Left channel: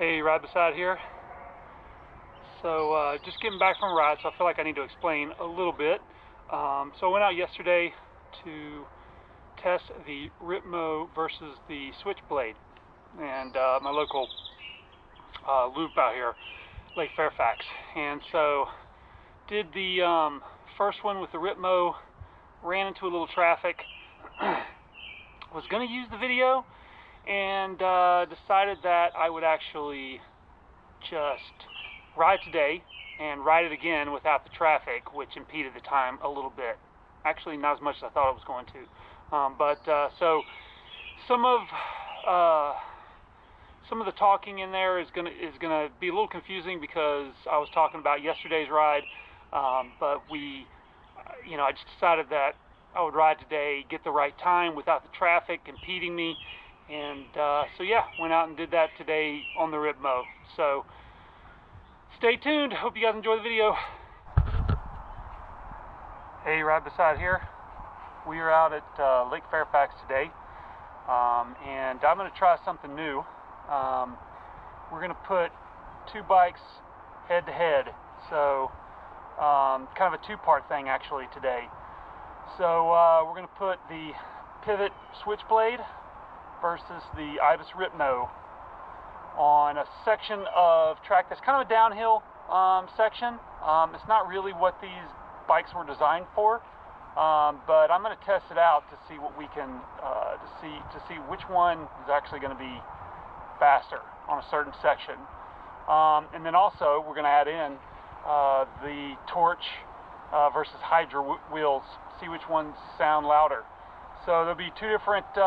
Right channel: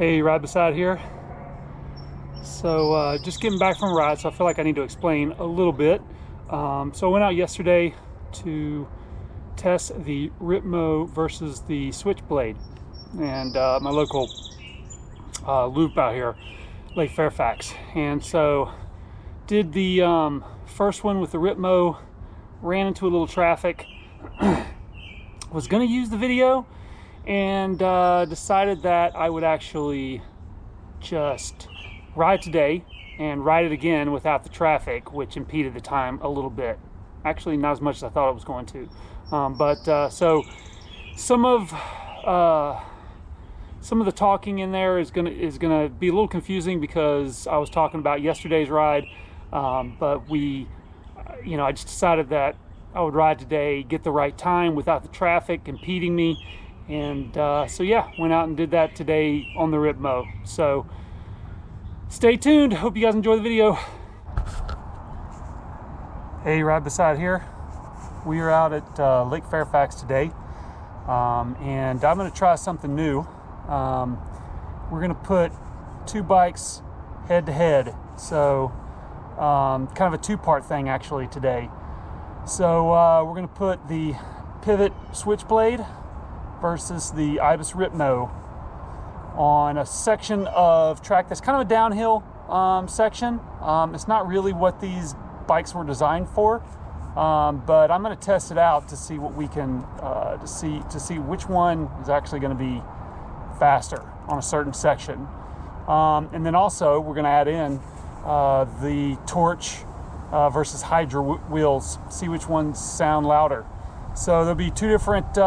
Hey, ride beside here. So just getting back from a ride, so I feel like I need to explain a little bit. So I went out yesterday to test the RIPMO versus the Switchblade, and my local loop out here, Lake Fairfax. And so did the first one with the RIPMO, ran into a little traffic, was going to use the video, and decided that I would actually just ride today and ride it again without the traffic, which impeded the time a little bit. Actually, not as much as I thought it was going to. So some of the talking in there is gonna be a little confusing because I was talking about yesterday's ride, but I just decided that I would ride today, get the right time without the traffic impeding me, and so yeah, went out and did that today on the RIPMO. So stay tuned. Hope you guys enjoy the video. Hey, ride beside here. We are out at Lake Fairfax today, and I'm going to try something new. We're going to put two bikes head to head, so kind of a two-part thing actually today. So we're going to put the Pivot Switchblade versus the IBIS RIPMO on a section of track that's kind of a downhill section. It's not really what these bikes were designed for, but I'm going to test it out to see what we can to see which one is actually going to be faster on a certain section, and then also we're going to add in the Torch versus Hydra wheels, see which ones sound louder. So there'll be two different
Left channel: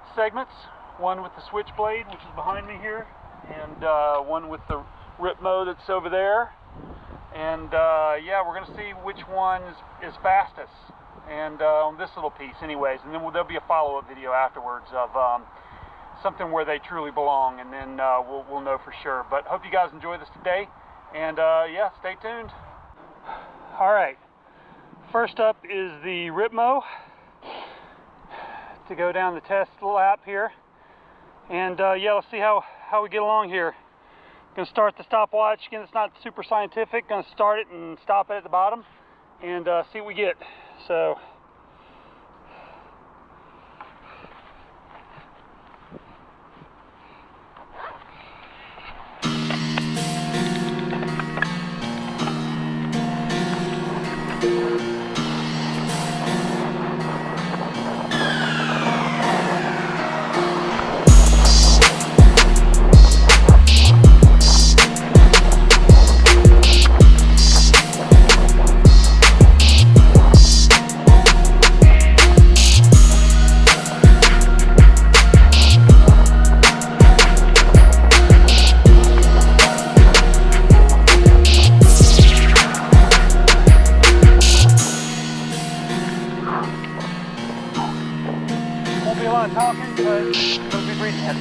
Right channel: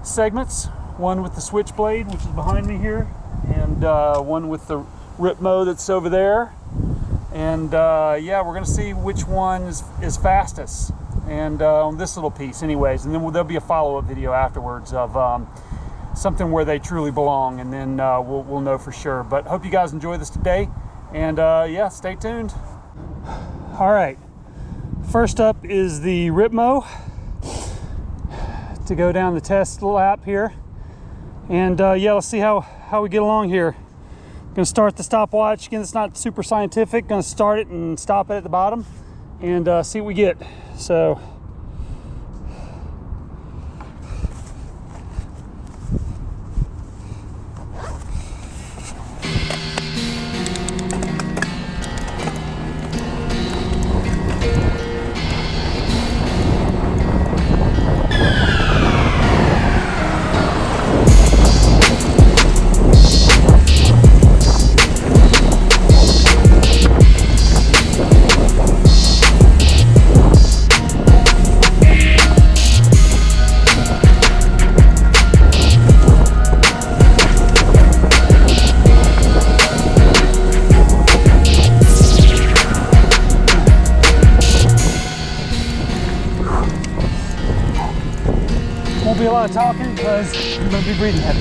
segments, one with the Switchblade, which is behind me here, and one with the RIPMO that's over there. And yeah, we're gonna see which one is fastest, and on this little piece anyways, and then there'll be a follow-up video afterwards of something where they truly belong, and then we'll know for sure. But hope you guys enjoy this today, and yeah, stay tuned. All right, first up is the RIPMO to go down the test lap here, and yeah, let's see how we get along here. Gonna start the stopwatch. Again, it's not super scientific. Gonna start it and stop it at the bottom and see what we get. So talking because I'm going to be breathing heavy.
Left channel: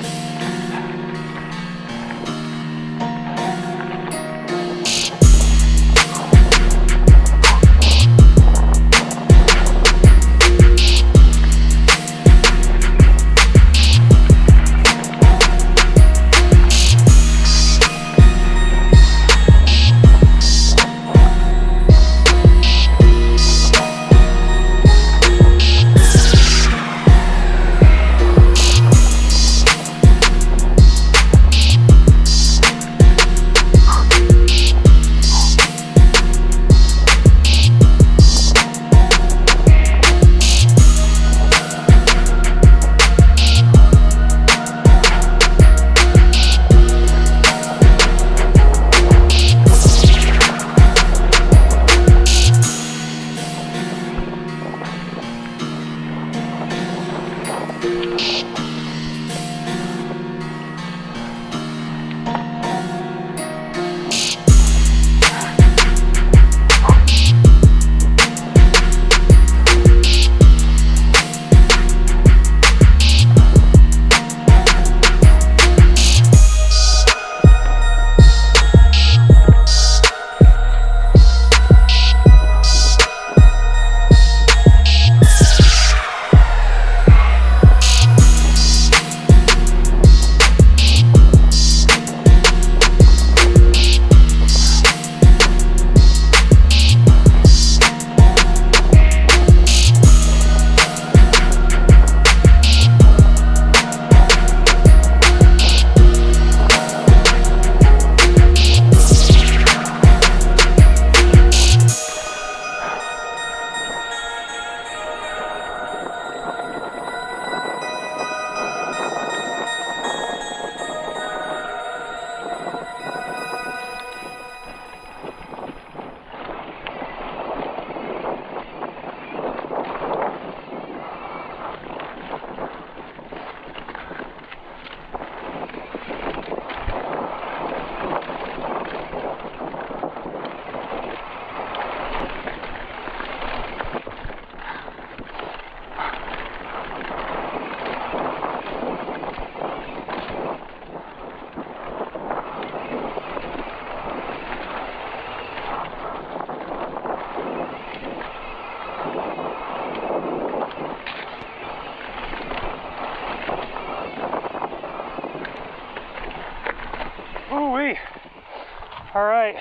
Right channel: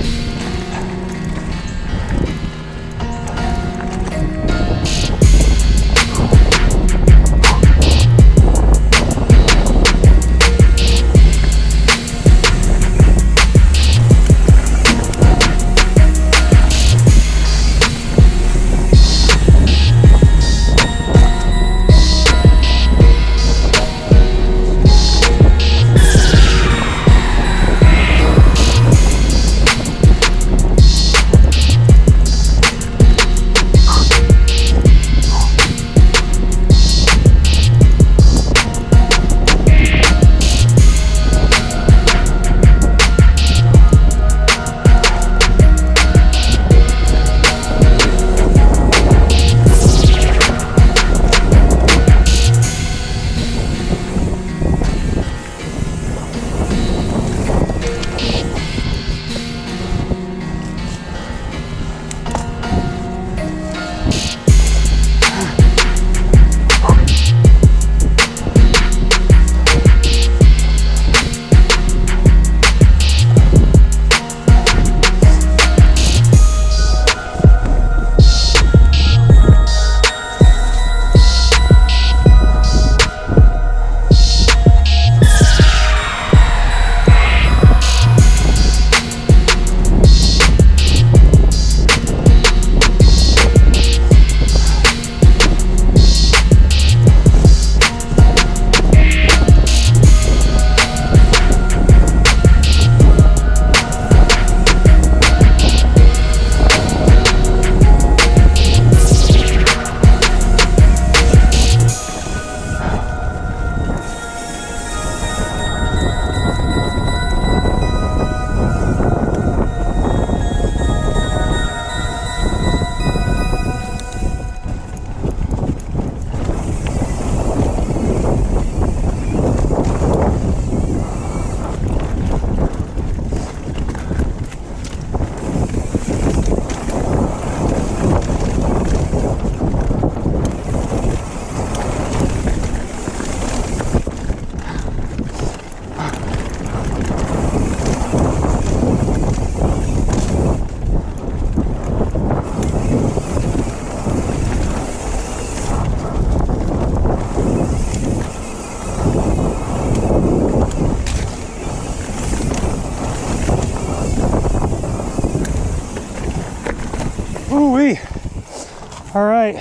All right,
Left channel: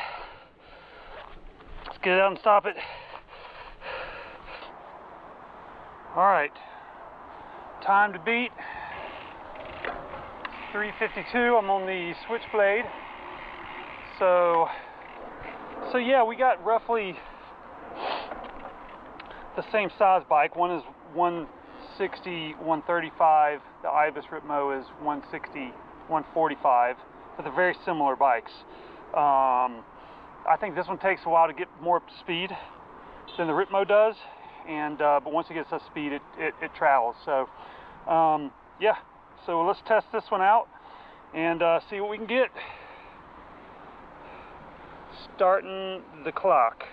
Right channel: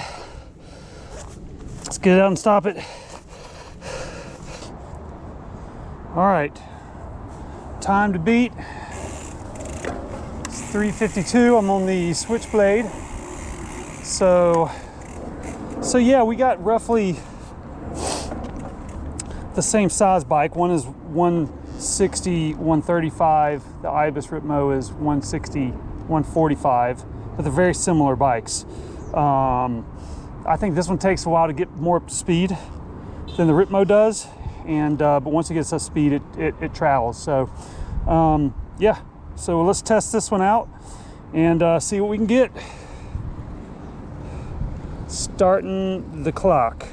let's get it out and stop it. All right, time to beat. It's 3:52. I'm on the Switchblade. So yeah, we got roughly the same size bike. One is 160, 135. The IBIS RIPMO is 160, 145. But they're very similar bikes. I think this one takes a while to get more speed than the RIPMO does, and but once it gets up speed, it travels. So yeah, so let's test this one out and see what we can get. Starting the clock.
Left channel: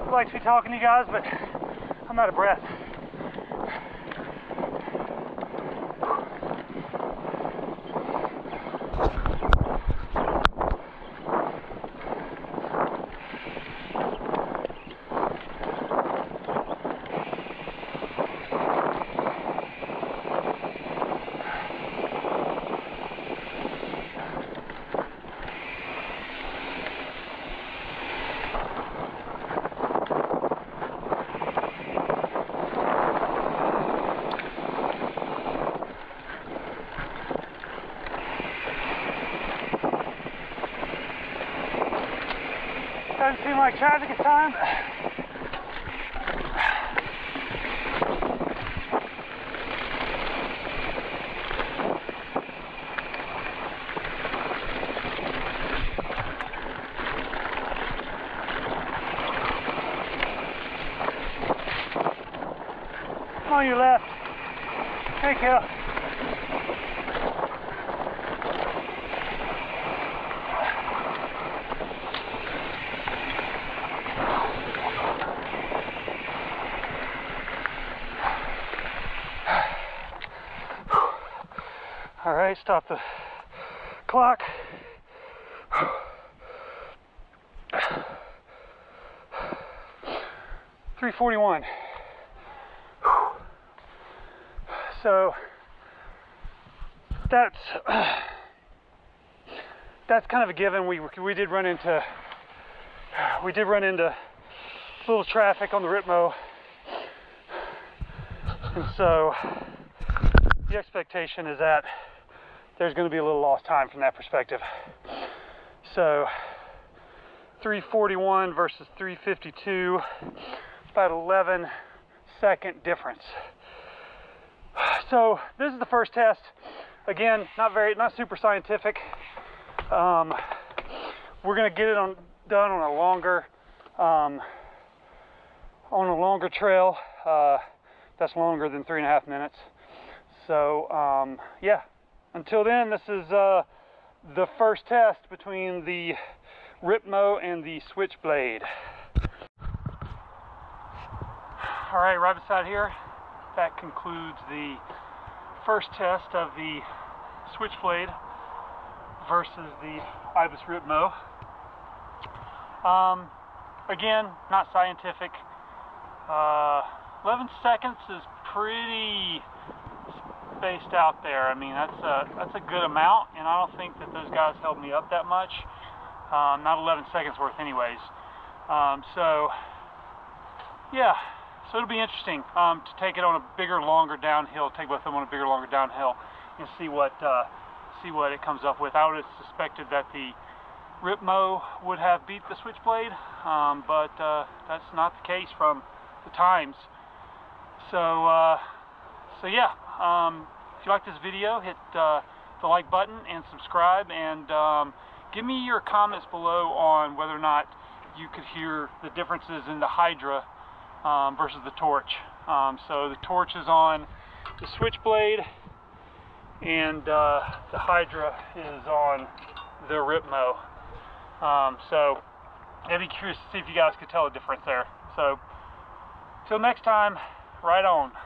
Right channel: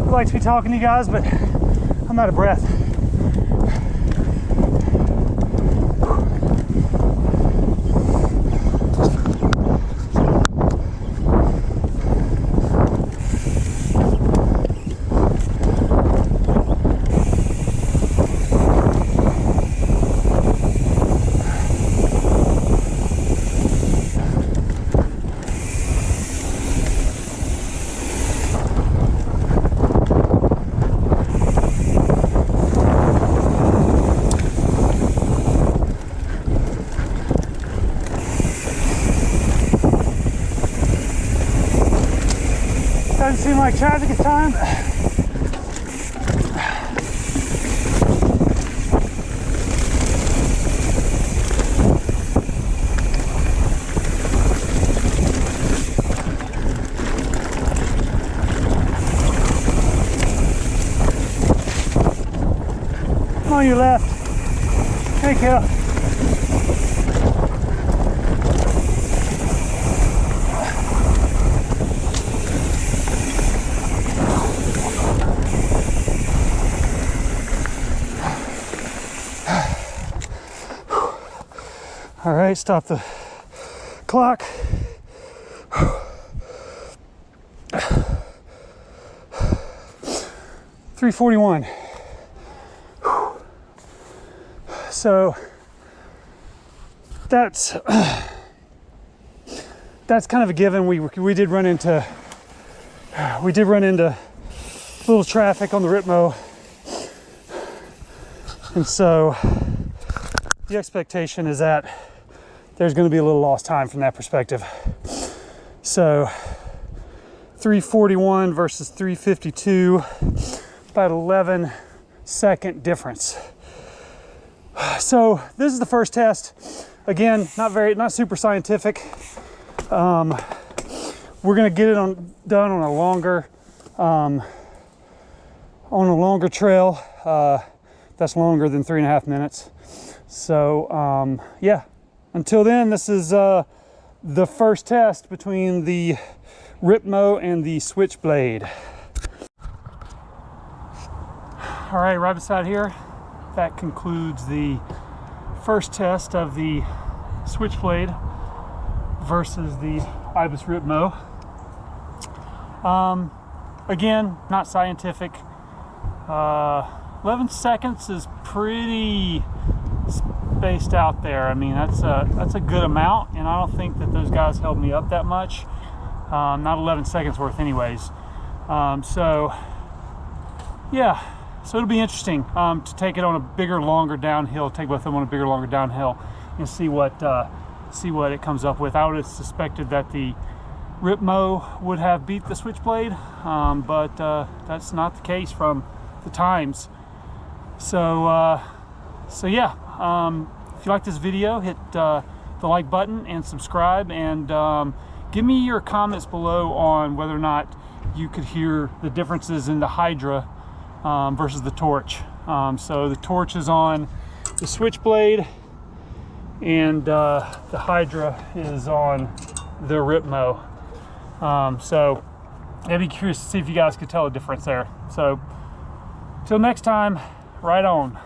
I'd like to be talking to you guys, but I'm out of breath. Doesn't seem like traffic is time. I'm on your left. Hey, kiddo. All right, stop the clock. $3:41. So that's kind of a given. We did run into a little traffic on the RIPMO, and so the expectation is that there's going to be a little lost time from that perspective. So 341 versus 352, about 11-second difference. So this is the first test. Again, not super scientific. We're gonna get it done on a longer trail. That's longer than 3.5 minutes. So yeah, until then, this is the first test between the RIPMO and the Switchblade. All right, right beside here, that concludes the first test of the Switchblade versus the IBIS RIPMO. Again, not scientific. 11 seconds is pretty spaced out there. I mean, that's a good amount, and I don't think that those guys held me up that much. Not 11 seconds worth anyways. So yeah, so it'll be interesting to take it on a bigger, longer downhill, take both of them on a bigger, longer downhill, and see what it comes up with. I would have suspected that the RIPMO would have beat the Switchblade, but that's not the case from the times. So yeah, if you like this video, hit the like button and subscribe, and give me your comments below on whether or not you could hear the differences in the Hydra versus the torch. So the torch is on the Switchblade, and the Hydra is on the RIPMO. So I'd be curious to see if you guys could tell a difference there. So till next time, right on.